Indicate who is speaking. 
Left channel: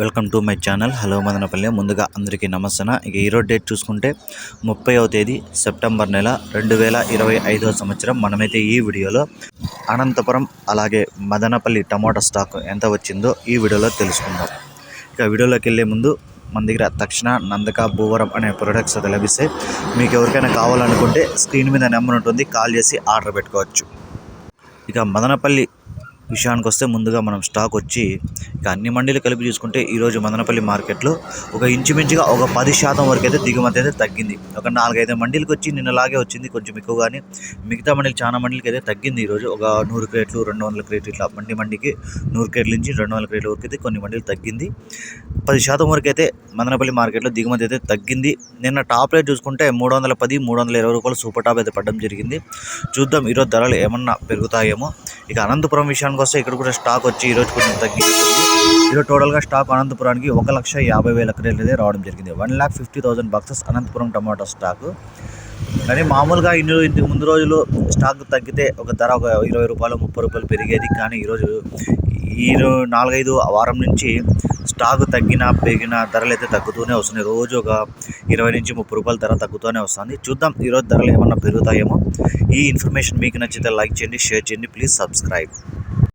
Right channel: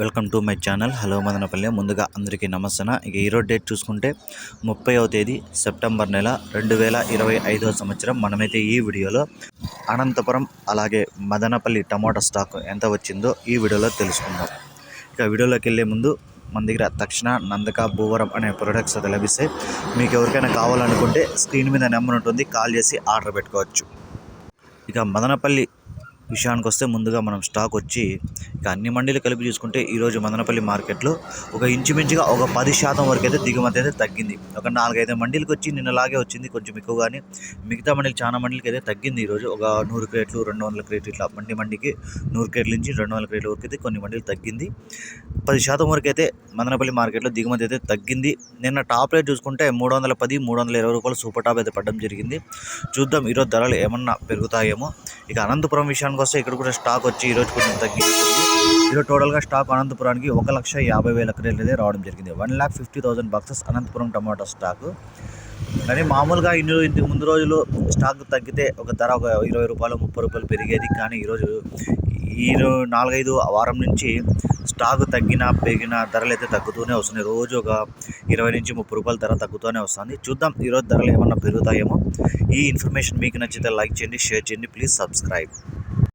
Speaker 1: Welcome to my channel. Hello Madanapalle. ముందుగా అందరికీ నమస్తన. ఇక ఈరోజు డేట్ చూసుకుంటే ముప్పైవ తేదీ సెప్టెంబర్ నెల రెండు వేల ఇరవై ఐదవ సంవత్సరం. మనమైతే ఈ వీడియోలో అనంతపురం అలాగే మదనపల్లి టమాటా స్టాక్ ఎంత వచ్చిందో ఈ వీడియోలో తెలుసుకుందాం. ఇక వీడియోలోకి వెళ్ళే ముందు మన దగ్గర తక్షణ నందక భూవరం అనే ప్రొడక్ట్స్ అయితే లభిస్తాయి మీకు ఎవరికైనా కావాలనుకుంటే స్క్రీన్ మీద నెంబర్ ఉంటుంది. కాల్ చేసి ఆర్డర్ పెట్టుకోవచ్చు. ఇక మదనపల్లి విషయానికి వస్తే ముందుగా మనం స్టాక్ వచ్చి ఇక అన్ని మండీలు కలిపి చూసుకుంటే ఈరోజు మదనపల్లి మార్కెట్లో ఒక ఇంచుమించుగా ఒక పది శాతం వరకు అయితే దిగుమతి అయితే తగ్గింది. ఒక నాలుగైదు మండీలకు వచ్చి నిన్నలాగే వచ్చింది. కొంచెం ఎక్కువగానే మిగతా మండీలు చాలా మండీలకి అయితే తగ్గింది ఈరోజు ఒక నూరు క్రేట్లు రెండు వందల క్రేట్లు ఇట్లా మండి మండికి నూరు క్రేట్ల నుంచి రెండు వందల క్రేట్ల వరకు అయితే కొన్ని మండీలు తగ్గింది. పది శాతం వరకు అయితే మదనపల్లి మార్కెట్లో దిగుమతి అయితే తగ్గింది. నిన్న టాప్ రేట్ చూసుకుంటే మూడు వందల పది మూడు వందల ఇరవై రూపాయలు సూపర్ టాప్ అయితే పడడం జరిగింది. చూద్దాం ఈరోజు ధరలు ఏమన్నా పెరుగుతాయేమో. ఇక అనంతపురం విషయానికి వస్తే ఇక్కడ కూడా స్టాక్ వచ్చి ఈరోజు కొంచెం తగ్గింది ఈరోజు టోటల్గా స్టాక్ అనంతపురానికి ఒక లక్ష యాభై వేల క్రేట్లు అయితే రావడం జరిగింది. One lakh fifty thousand boxes Anantapur tomato stock. కానీ మామూలుగా ఇన్ని ఇంతకు ముందు రోజులు స్టాక్ తగ్గితే ఒక ధర ఒక ఇరవై రూపాయలు ముప్పై రూపాయలు పెరిగేది. కానీ ఈరోజు ఈ నాలుగైదు వారం నుంచి స్టాక్ తగ్గినా పెరిగిన ధరలు అయితే తగ్గుతూనే వస్తున్నాయి. రోజు ఒక ఇరవై నుంచి ముప్పై రూపాయల ధర తగ్గుతూనే వస్తుంది. చూద్దాం ఈరోజు ధరలు ఏమన్నా పెరుగుతాయేమో. ఈ ఇన్ఫర్మేషన్ మీకు నచ్చితే లైక్ చేయండి షేర్ చేయండి. Please subscribe.